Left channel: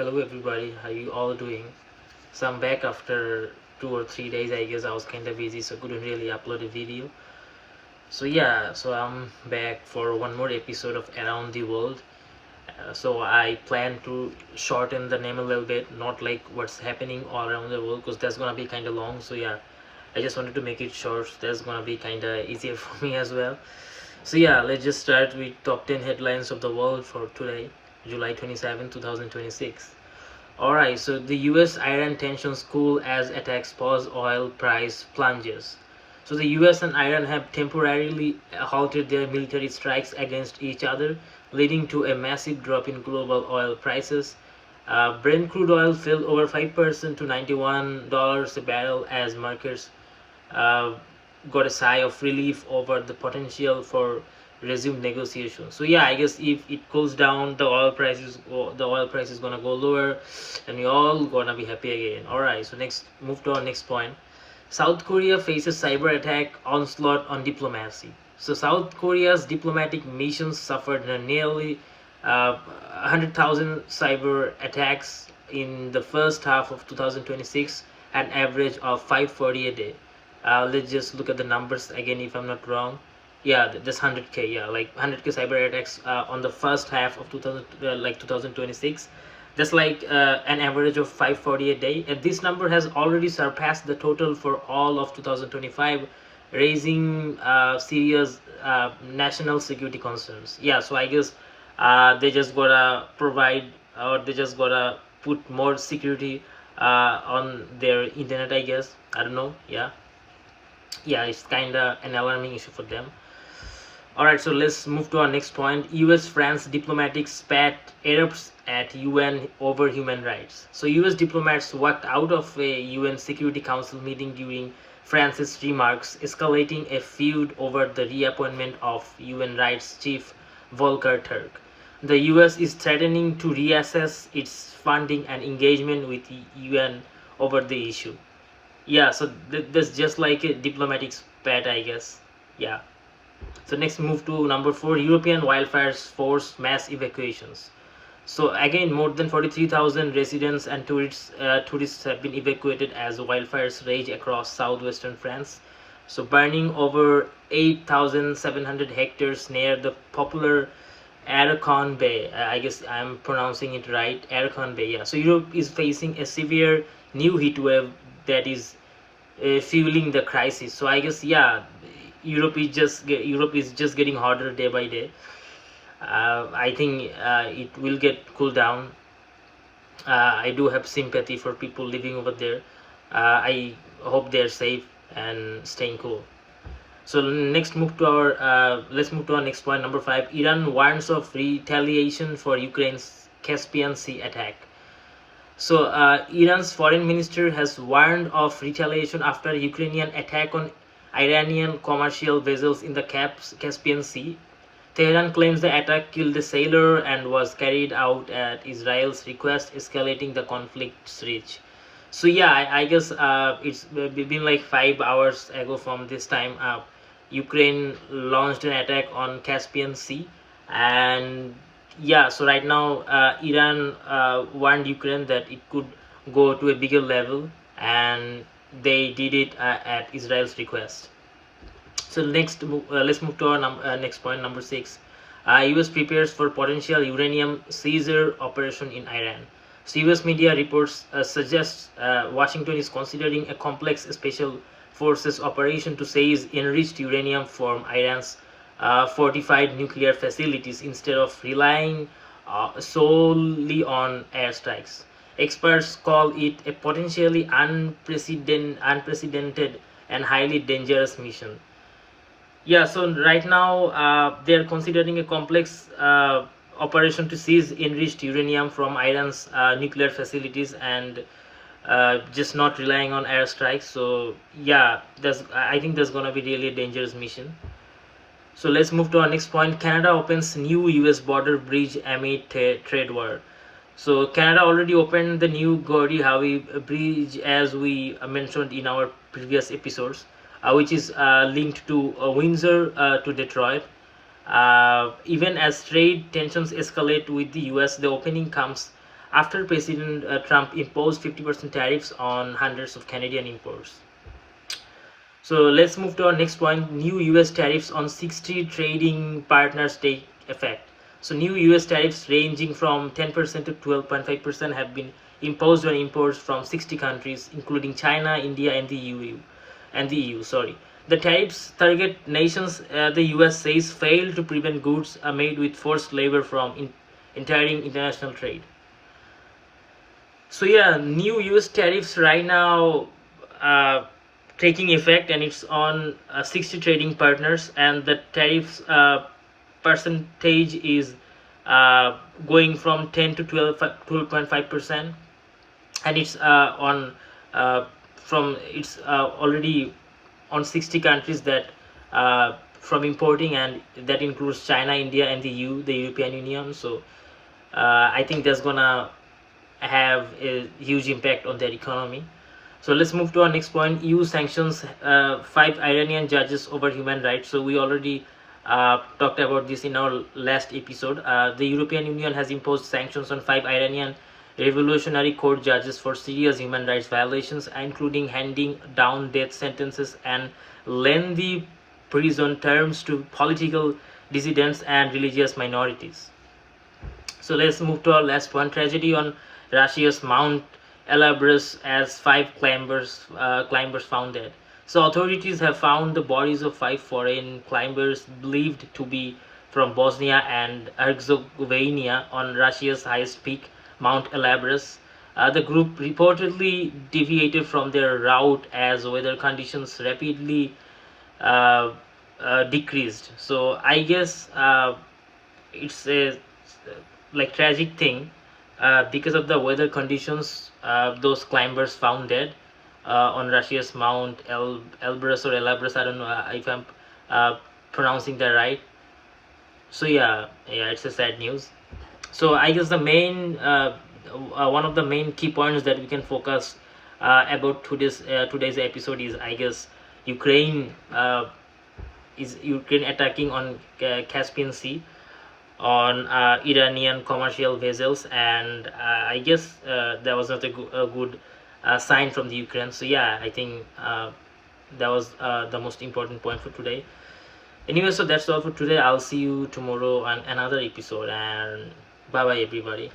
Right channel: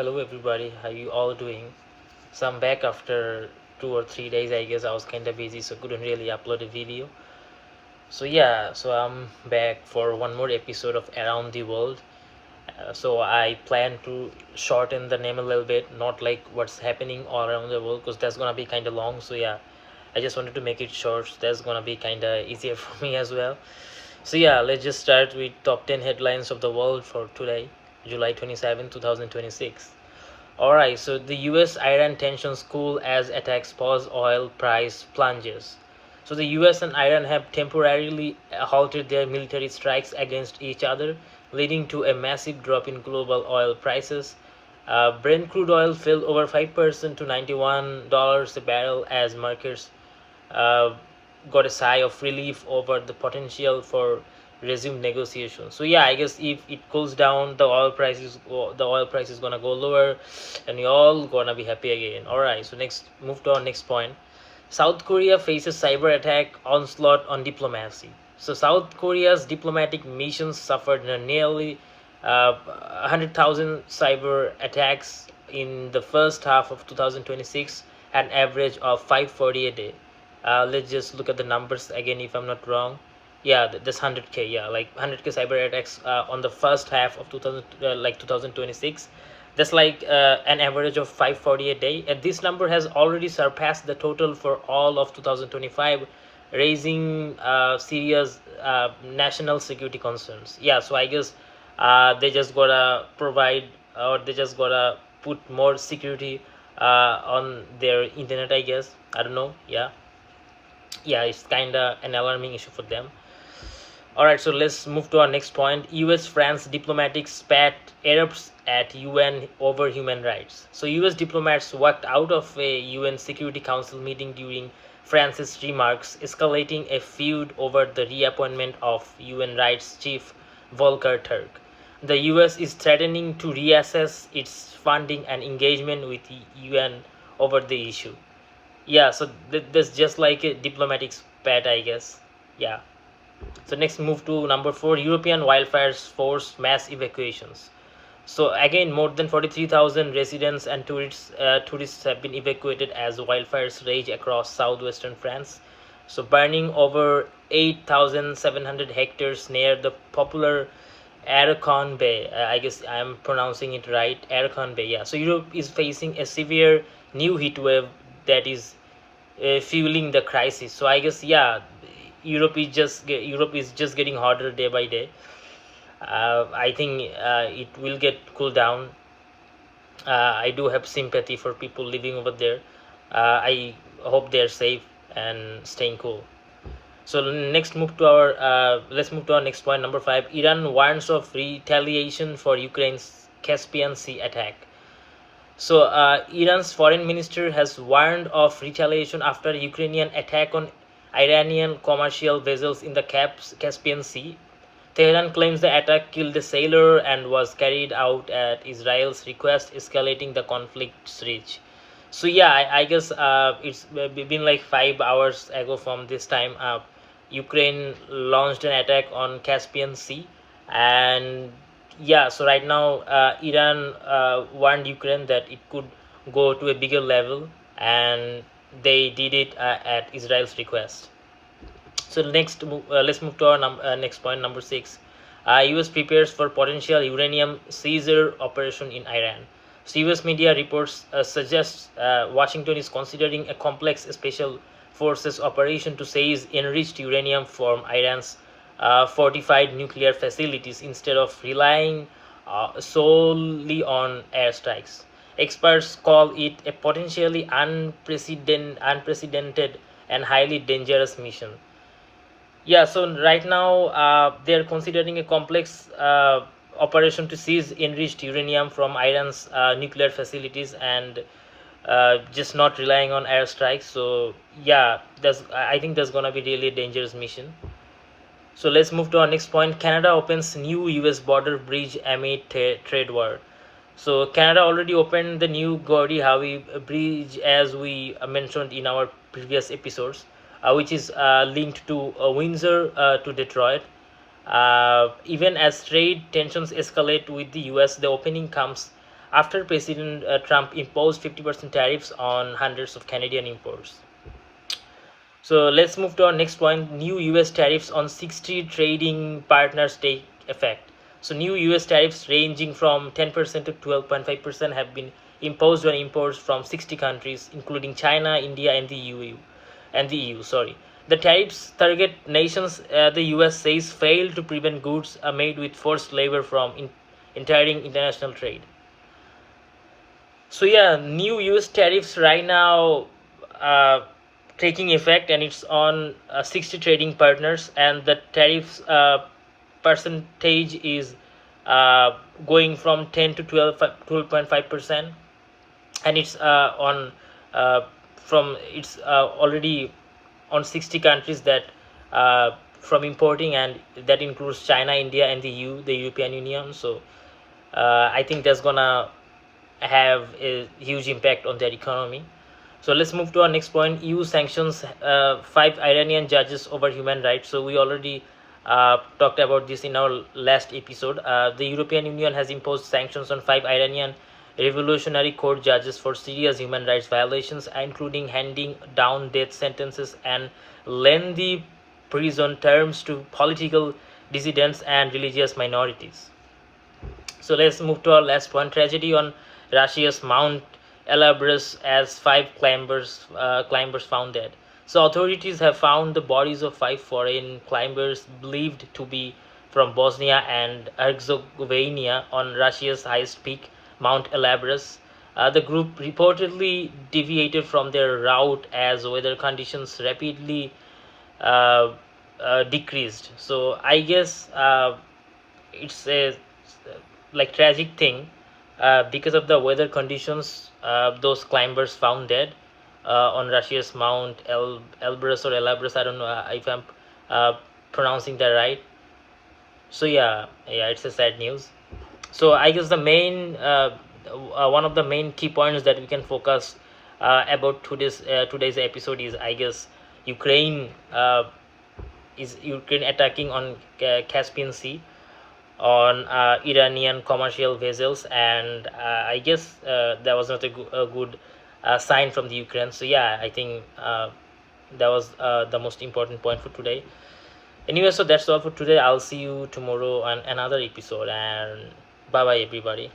Hello everybody, how you all doing? So I'm back after 2 or 3 days. I guess I was kind of busy, so couldn't really upload a video. So I'm back for one more episode of Around the World. So I plan to shorten the name a little bit, not like what's happening all around the world, because that's gonna be kind of long. So yeah, I just wanted to make it short. So that's gonna be kind of easier for me as well. So yeah, let's just start with top 10 headlines of the world for today, July 27, 2026. Alright, so the US Iran tensions cool as attacks pause, oil price plunges. So the US and Iran have temporarily halted their military strikes against each other, leading to a massive drop in global oil prices. Brent crude oil fell over 5% to $91 a barrel as markets uh, got a sigh of relief over the potential for resume negotiations. So yeah, I guess if it cools down, the oil price is gonna go lower, and we all gonna be happy again. All right. So next, move to our next point. South Korea faces cyber attack onslaught on diplomacy. So South Korea's diplomatic missions suffered nearly 100,000 cyber attacks in the first half of 2026, an average of 540 a day. Let's just look at the numbers again if I'm not wrong. Yeah, this 100k, yeah, like 100k cyber attacks on the first half of 2026. That's like an average of 540 a day, and this number has already surpassed the total for all of 2025, raising serious national security concerns. Yeah, so I guess they just gotta provide, or they just gotta put more security on their internet, I guess. I don't know. Yeah, it's kind of an alarming issue for them. All right, so let's move to our next point. US France diplomatic spat erupts at UN over human rights. So US diplomats walked out of a UN Security Council meeting during France's remarks, escalating a feud over the reappointment of UN rights chief Volker Turk. The US is threatening to reassess its funding and engagement with UN over the issue. Yeah, so that's just like a diplomatic spat, I guess. Yeah. So next, move to number 4. European wildfires force mass evacuations. So again, more than 43,000 residents and tourists have been evacuated as wildfires rage across southwestern France. So burning over 8,700 hectares near the popular Aragon Bay. I guess I'm pronouncing it right. Aragon Bay. Yeah. So Europe is facing a severe new heat wave that is fueling the crisis. So I guess, yeah, Europe is just getting hotter day by day. I think it will get cool down. I do have sympathy for people living over there. I hope they're safe and staying cool. So next, move to our let's move to our next point, number 5. Iran warns of retaliation for Ukraine's Caspian Sea attack. So Iran's foreign minister has warned of retaliation after Ukrainian attack on Iranian commercial vessels in the Caspian Sea. Tehran claims the attack killed a sailor and was carried out at Israel's request, escalating the conflict's reach. So yeah, I guess it's been like 5 hours ago from this time. Ukraine launched an attack on Caspian Sea, and yeah, so right now Iran warned Ukraine that it could go to a bigger level, and they did it at Israel's request. So next, let's move to our next point, number 6. US prepares for potential uranium seizure operation in Iran. So US media reports suggest Washington is considering a complex special forces operation to seize enriched uranium from Iran's fortified nuclear facilities instead of relying solely on airstrikes. Experts call it a potentially unprecedented and highly dangerous mission. Yeah, so right now they're considering a complex operation to seize enriched uranium from Iran's nuclear facilities, and just not relying on airstrikes. So yeah, I think that's gonna be really a dangerous mission. So let's move to our next point. Canada opens new US border bridge amid trade war. So Canada already opened the new Gordie Howe Bridge, as we mentioned in our previous episodes, which is linked to Windsor to Detroit. Even as trade tensions escalate with the US, the opening comes after President Trump imposed 50% tariffs on hundreds of Canadian imports. So let's move to our next point. New US tariffs on 60 trading partners take effect. So new US tariffs ranging from 10% to 12.5% have been imposed on imports from 60 countries, including China, India, and the EU. Sorry. The tariffs target nations the US says fail to prevent goods made with forced labor from entering international trade. So yeah, new US tariffs right now taking effect, and it's on 60 trading partners, and the tariffs percentage is going from 10 to 12.5%, and it's on from it's already on 60 countries that from importing, and that includes China, India, and the European Union. So I think that's gonna have a huge impact on their economy. So let's move to our next point. EU sanctions 5 Iranian judges over human rights. So we already talked about this in our last episode. The European Union has imposed sanctions on 5 Iranian Revolutionary Court judges for serious human rights violations, including handing down death sentences and lengthy prison terms to political dissidents and religious minorities. So let's move to our last one. Tragedy on Russia's Mount Elbrus as 5 climbers found dead. So authorities have found the bodies of 5 foreign climbers believed to be from Bosnia and Herzegovina on Russia's highest peak, Mount Elbrus. The group reportedly deviated from their route as weather conditions rapidly decreased. So I guess it's a like tragic thing. Because of the weather conditions, those climbers found dead on Russia's Mount Elbrus or Elbrus. I don't know if I'm pronouncing that right. So yeah, it's a sad news. So I guess the main one of the main key points that we can focus about today's episode is, I guess, Ukraine attacking on Caspian Sea on Iranian commercial vessels, and I guess that was not a good sign from the Ukraine. So yeah, I think that was the most important point for today. Anyway, so that's all for today. I'll see you tomorrow on another episode, and bye bye everybody.